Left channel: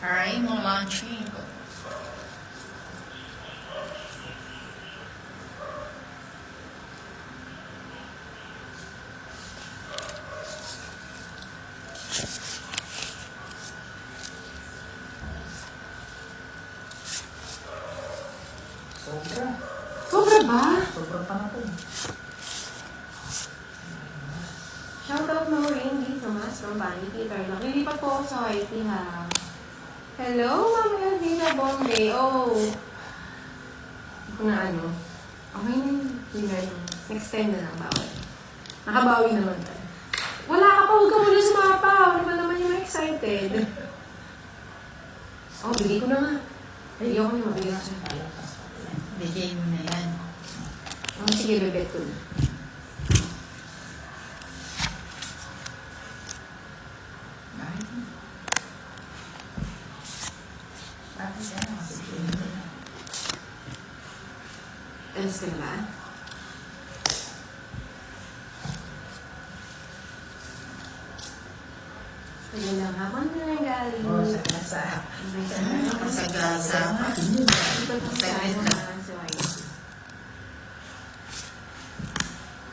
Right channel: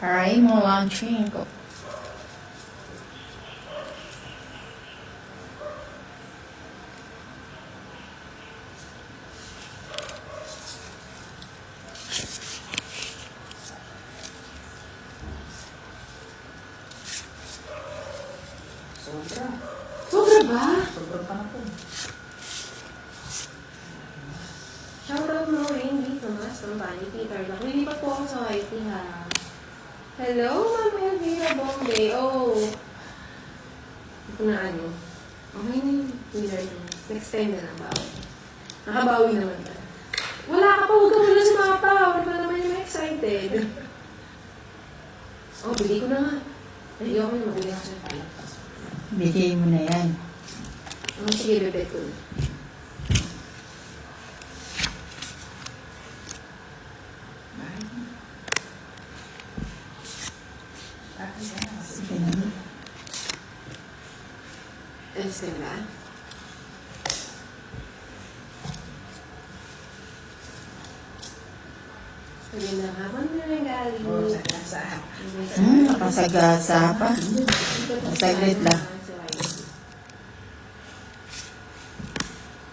Raimo watching. Sobra ba? Sobrang pa natin. Shoutout mo rin dito mas from Vanity Girl. Lilipat po ako sa YT ha. Hello, Ma'am Elvira Bombay. Oh. Hindi ko na ano. Okay na yun. Extend na lang ba? Nakabawi naman ka. Wala ka pa. Huwag ka muna sumapa. Huwag ka naman yung excited. Oh, bigay ko na nga. Ayoko na mabigay ko sa tayo. Bigay mo na yan. Sige, bebet ko na. Alis ka na ba? Magandang hapon na lang galing. Masagasa pa. Saglit lang.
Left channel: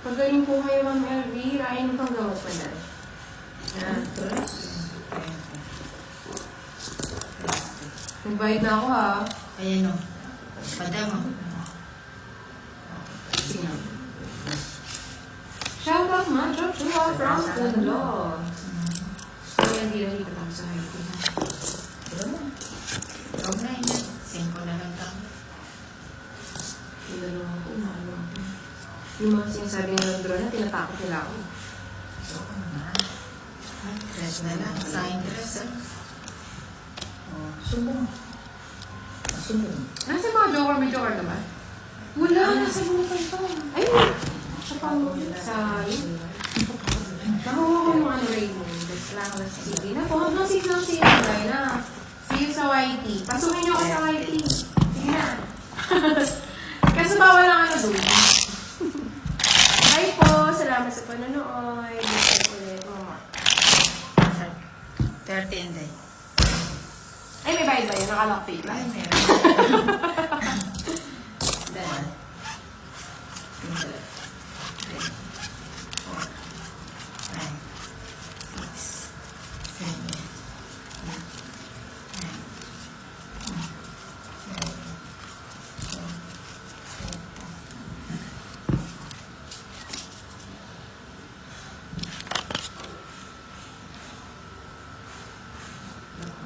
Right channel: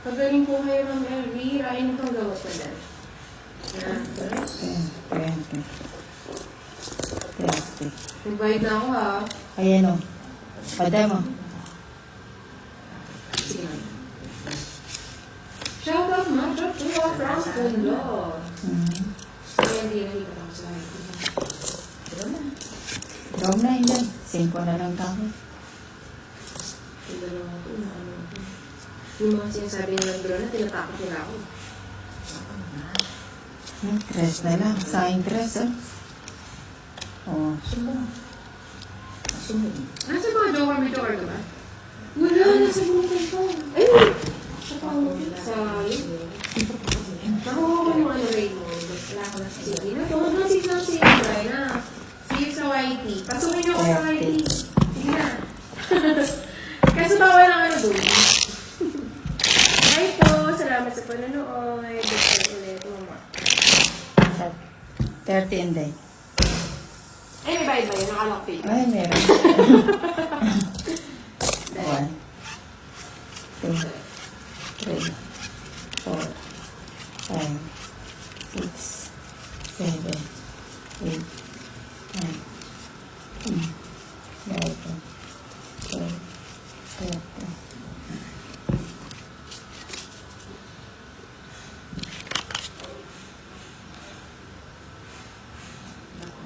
Pagaling po kayo, Ma'am Elvira. Ayun pang gawas na dyan. 20. Nag-bite na ako ha. Ayan o. Paday mo. Shout out mga Joshua from Kundo. Kaya hindi na dito ako sa high. Huwag na hindi. 5 na lang tayo. Sila lang ako. Yung mga sinasabi ng drone na tinatakot nila ako. 3 na lang. Sayang 3 eh. Oh. Nasa mga joker, may joker ba? Wala, nasa mga ko. Ay! Sa pang sa nakuha ko yung ano Raymond. Wala ko na sige na. Huwag na sige lang sige na. See you sa YT. Pasukin niyo ako sa YT. Sige na. Kasi bawal lang ano doon. Hi po. Salamat sa panonood. Gusto ulit mo. 13 day. Ay, may bayad ba yun? Nakalak pay. Ay, meron. 1, 2, 3, 4, 5, 6, 7, 8, 9, 10, 11, 12.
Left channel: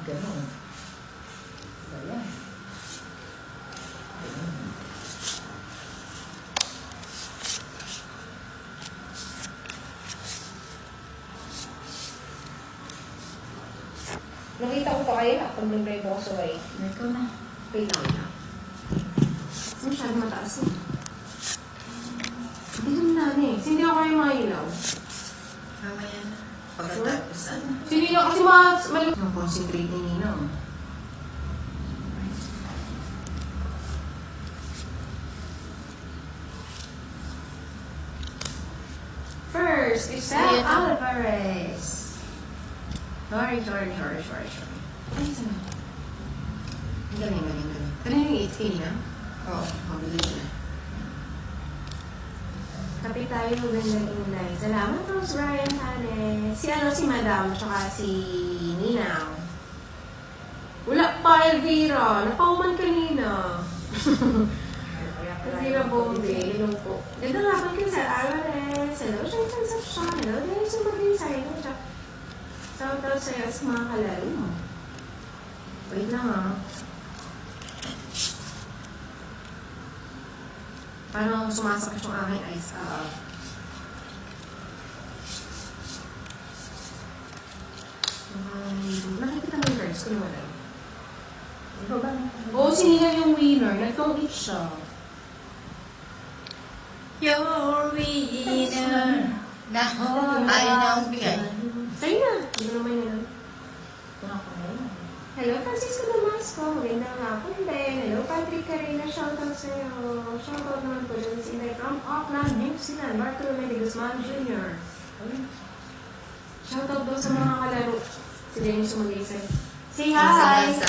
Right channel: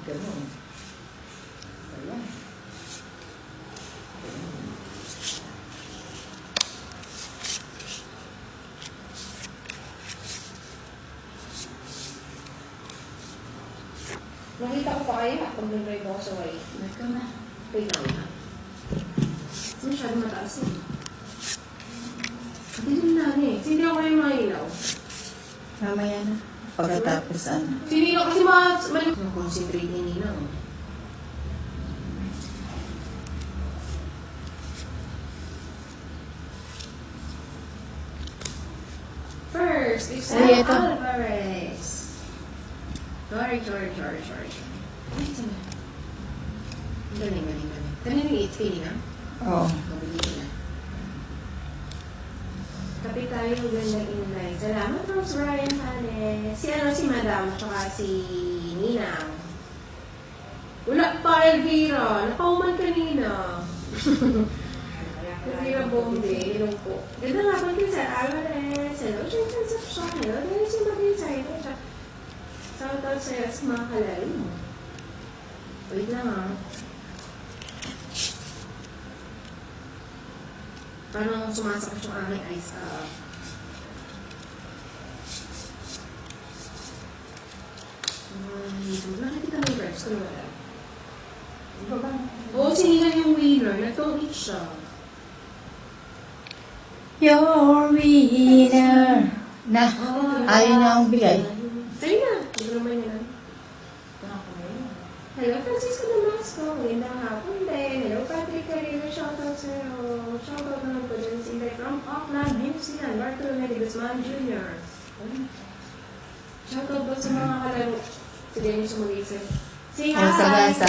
Ganun. Ayan. Nakita ko pa kayo ako nag-read ako sa YT. Ito na. Wait lang na. Masyado mataas na. Hindi naman namin eh. Hindi ako kayo mga ilaw. Mamaya na. Pagkatapos ano. Hindi na kasi concentrate ni Nina. First, Isel Alvarez. Sorry. Ay, saan? Galing. Kanina yung 8K na? Oo. Mabilis na. Kapit tayo ganda inline. Salamat, Rose Brian Hanes. Si Madam, tsaka si Ninang. Wala pa, Elvira. Napauman kanina. Elvira Bombay. Ilong po. Ganda nga pa kayo sa Alvarez. Hello, sa Concepcion. Hello, dahil sa Mabisay. Shoutout sa'yo sa mga kalaro mo. Wait lang ah. Parang sumasakas yung aking ice up. Nakikita mo yung cards ko wala. Ito ba? Oo, sinihan yung winner. Nagtong each siya. Your winner. Ayaw na ang bigay. Sa'yo na. Hindi ko naman yun. Hello, Francisco Damasco. Gandang hapon din. Hello, Patrick Carina. Shoutout sa'yo. Shoutout naman po dyan si Inday from Auckland, Gibson, Bartolome de Guzman Jr. Shoutout po sa mga kalaro. Si Dennis Molise. Say Nasa hi! gasa.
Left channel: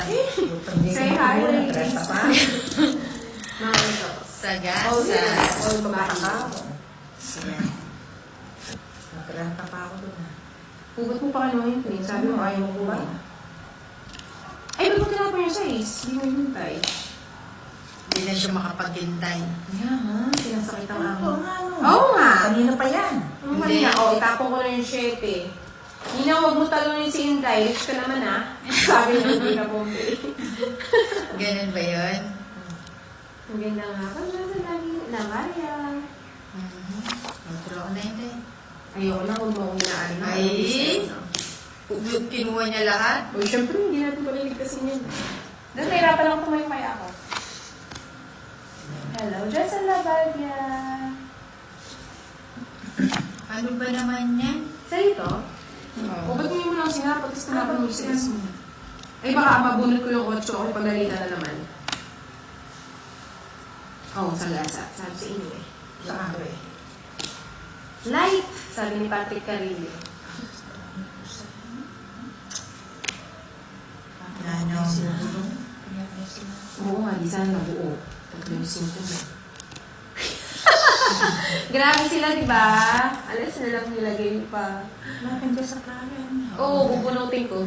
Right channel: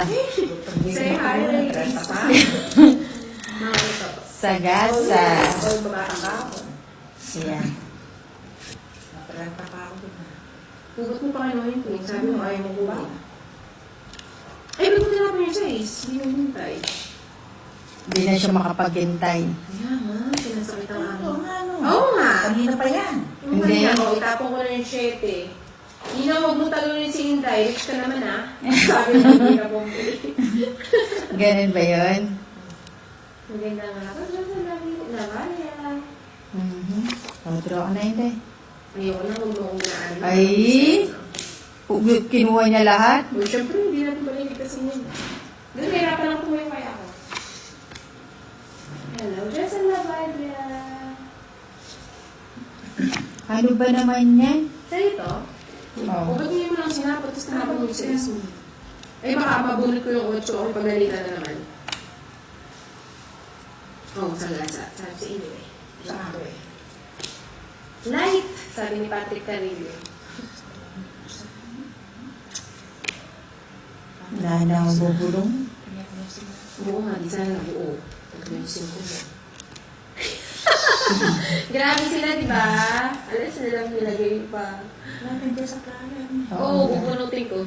Say hi, ladies! Sa gasa. So, babae siya. Yan. Natirang ka pa ako doon. Hugot mo pa kayo ng hintay. Sabi mo ayaw mo hugot. Ay, ba't ka na size? Hindi mo hintay. Hindi na siya makapaghintay. Yan nga, sinasakit ang amo. Oo nga, no. Oo nga! Kanina pa yan. Yung kanina ko, itapon ko na yung 7. Hindi na huwag mo talunin si Hintay. Rich ka naman ha. Sabi mo, hindi na bumili. Ganun ba yun? Ang ganda nga. Pag siya sa Lavaria. Draw ako na yun, tay. Ayoko na kung maunaan. Ay! Kinuha niya lahat? Uy, syempre, hindi natin balik kasi yun. Doon, nahirapan lang tumalimay ako. Hello, Jason Lavaria. Ano ba naman yan? Sa ito, huwag niyo mo lang sinapot, tapos tinapon mo sa ismo. Eh, baka mabunod ko yung 8 ako, paglalita na naman. Oo, sa lasa. Sabi si Ingrid. Sabi. Light! Sabi ni Patrick Carillo. Na bubulong? Oo nga, di sana nabuo. Ito yung simple. Grabe sila, di ba? Alas na lang nilagay pa. Natin dyan sa klase. Oo, bubunutin ko.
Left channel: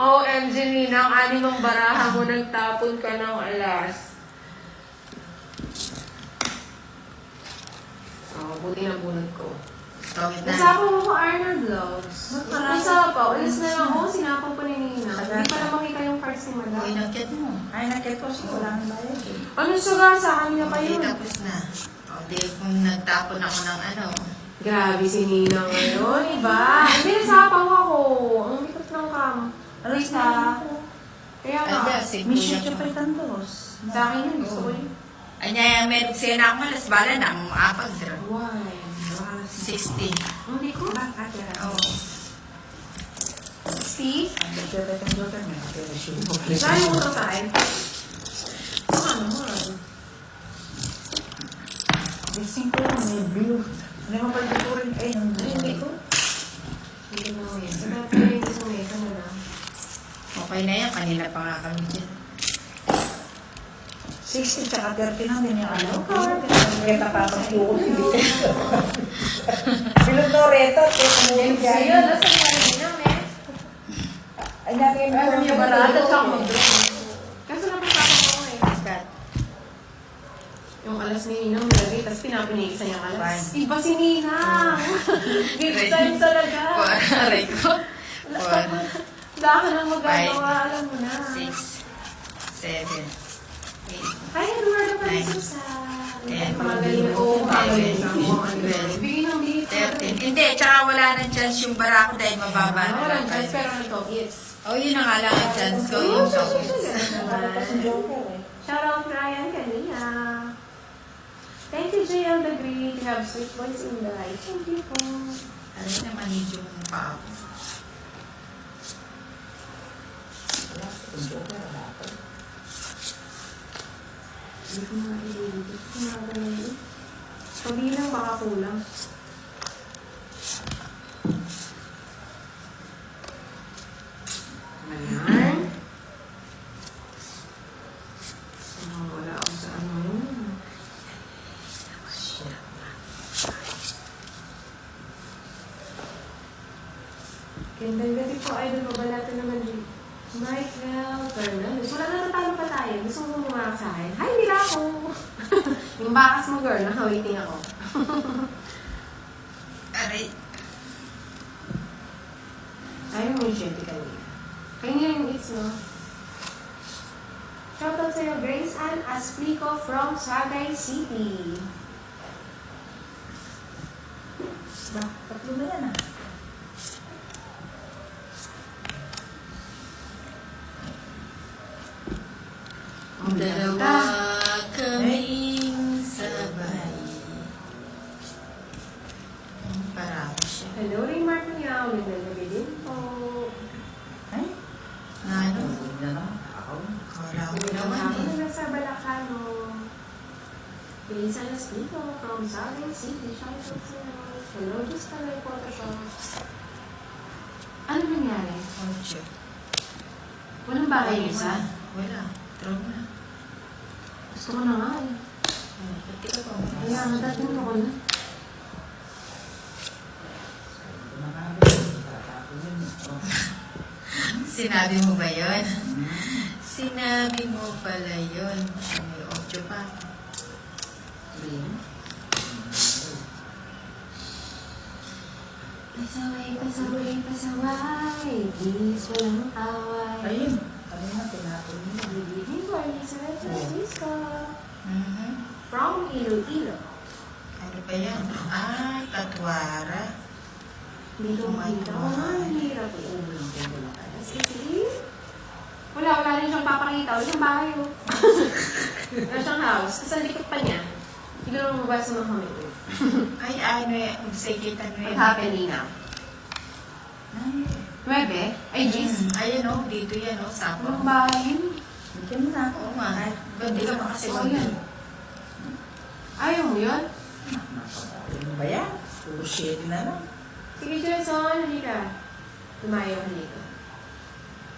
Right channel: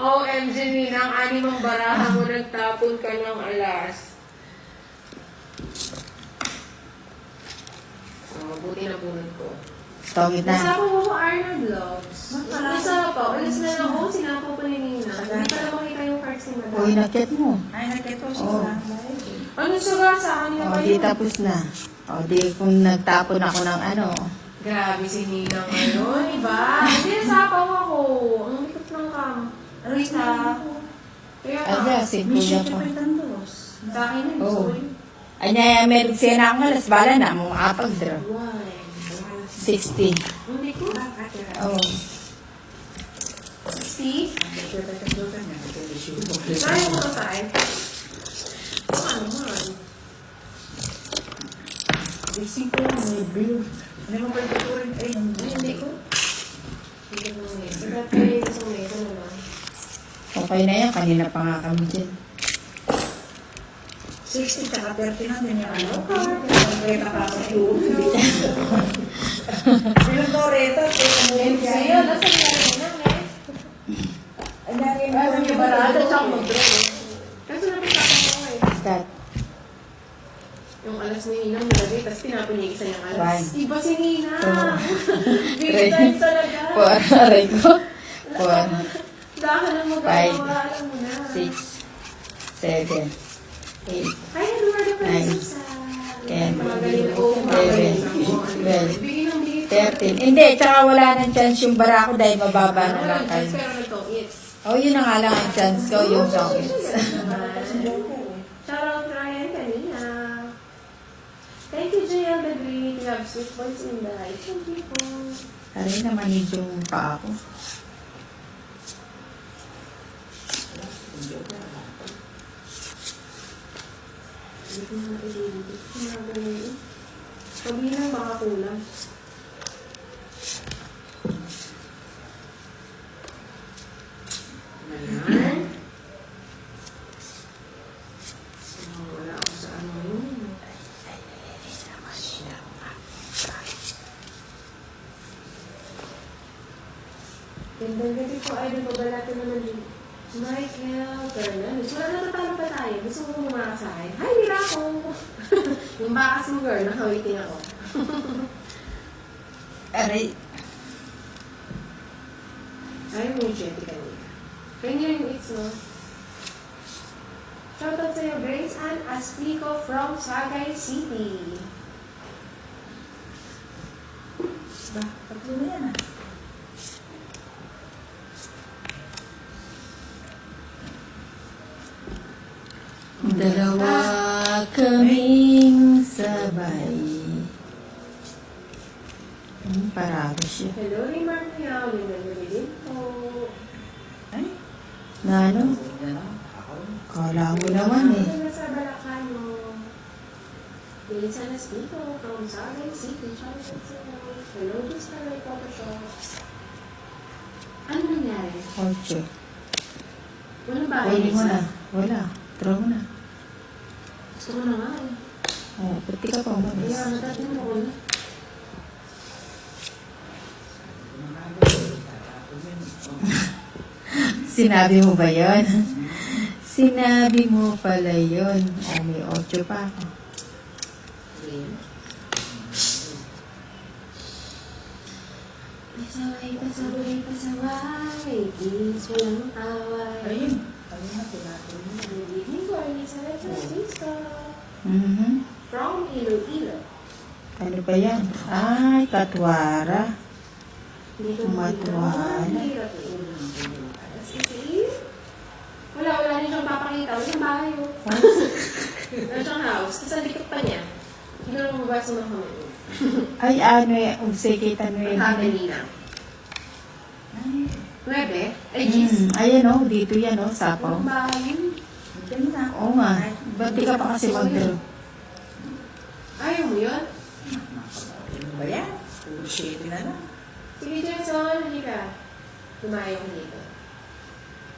OMG, Nina, ang animang baraha mo nagtapon ka ng alas. Oh, buti na bunod ko. Pangit na. Nasapo mo ko Arnold Vlogs. Nasapo, alis na lang ako, sinapo ko ni Nina. Hindi ko lang makita yung cards ni O, Madam. inakit mo. Ay, nakita ko Oo. lang live. Ano suga sa akin na O, kayo? di tapos na. O, di kung nagtapon ako ng ano. Grabe si Nina ngayon, diba? Hindi, nasapaw ako. Ang likot ng kam. Ano isa? Kaya Ay, ka. di, simple Miss na you, to. Chupay Candos. Sa akin yun, Oo. sorry. Anya, may sena ako ngayon. Bala na mo. Apag bro. One. 60. Ang likot. Oo. 60? Saan mo ka kain? Ano? Gising ko lang, may blue. Hindi mo pwede ko rin. Ay, Hindi ko. Hindi ko ngayon. Sige, pwede ko sa mesa na lang. Okay na yan. Kanina pa nga kami dyan. 60 tsaka 30 lang din yung ano. Ito, Hindi nakakasok yun. Pinagnoreta, tumuhin Sige, dyan. nasa kain namin. Ay, narin mo. Alam niya ba lahat ng siyang modelo? Kasi napitapos ko kayo. Kat. Yung alas ni Nina, nilagay, tapos pinapunigisan yung alas. One. Iba si Nina! Bigyan talaga. Aray ko. 1, Dahil ang magagawa, alam mo na. 6, 7, 8, Ay, Eduardo pala sa 10, magaling na po. 11, 12, Bigyan ng dito. 13. Hindi, tsaka wala nang chance yung bara ko dahil mababa na Wala, lang just kayo. pero ito, yes. Oh, yun na nga lang ang chance ko, yung chocolates. Shout out Ryan kanina. Thank you, JL the Great. You have sweet voice in the light. Thank you po. Kanina manid yung pa ako. Hindi ko na ililipit. Magaling. Sabihin lang baka kulang. Ayan. Wala ako sa ano yun. Gandang gabi po, idol ko. Balata naman din. Night well, Fernandez. Wala natatalo pa tayo. Gusto mo kumakas sa akin? Hi, hindi ako. Yung bakas mo, girl. Nakawaiting ako. Aray. Ayaw mo yung shitty kanina. Kanina yung it's mo. Shoutout sa'yo, Grace Ann Asplico from Sagay City. Tatlo na na. Ang dalawa kaming sabay. Parado siya. Hello, Raymar Miao. Gandang gabi din po. Ay, Na ano? Kala ko naman eh. Nasa Balacano. Grace Ann Asplico from Gonzales City, shoutout sa Hello, Vista Light Photoshop. Ano nangyari? Culture. Walang bagay Pwede mo isa. na. Wala. Throw na. Gusto ko naman. Oh, pati ka pa mo. Kaya natatin ako na. Sinabi mo ba yun? Sinabi mo pala yun. May 8 pa. Pasaway, pasaway, pasaway. Please, walang away. Ayun. Ayun natin natin. Hindi ko ay sa San Francisco. From Iloilo. Ano ba yan? Ay, Katwara. Dito Tumatwa. hirap yan. Kasi, wala rin siyang papakita. Wala siyang bahay mo. Wala siyang house. Kasi ang likod pa niya. Hindi ko naman mabasa ng hamil. Ay, ano yung sikita mo yun? Family na. 9? Ay, Gis. Ayun o, dito yan o, Sapo. Ang bahay yun. Ito na. Oo nga. Ba't di ka pa kasi mag- Ayaw mo yun? Ano ba yan? Puro shade na lang. Sige, Jason, hindi ka. Lumayo ka dito.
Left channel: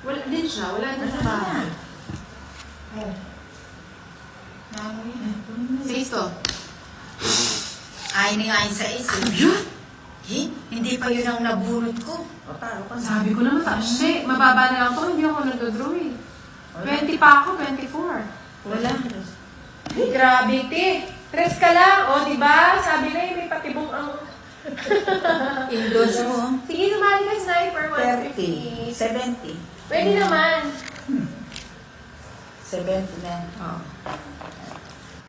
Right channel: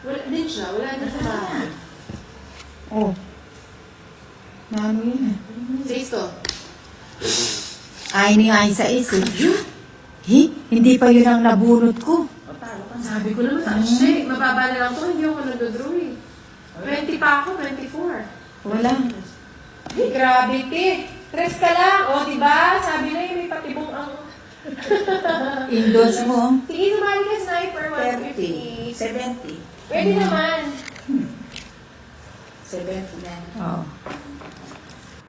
Wala din siya. Wala din sa bahay. Oh. Ano yun? Sexto. Ay, ni nga sa isip. Hindi pa yun ang nabunot ko. Paano ka Sabi ko naman, kasi mababa na lang to. Hindi ako nag-draw eh. 20 pa ako, 24. Wala. Grabe, Tit. 3 ka lang. O, diba? Sabi na yun, may patibong ang... Indoors mo. Sige, sumali ka sniper 30. 150. 70. Pwede naman. 70 na. Oh.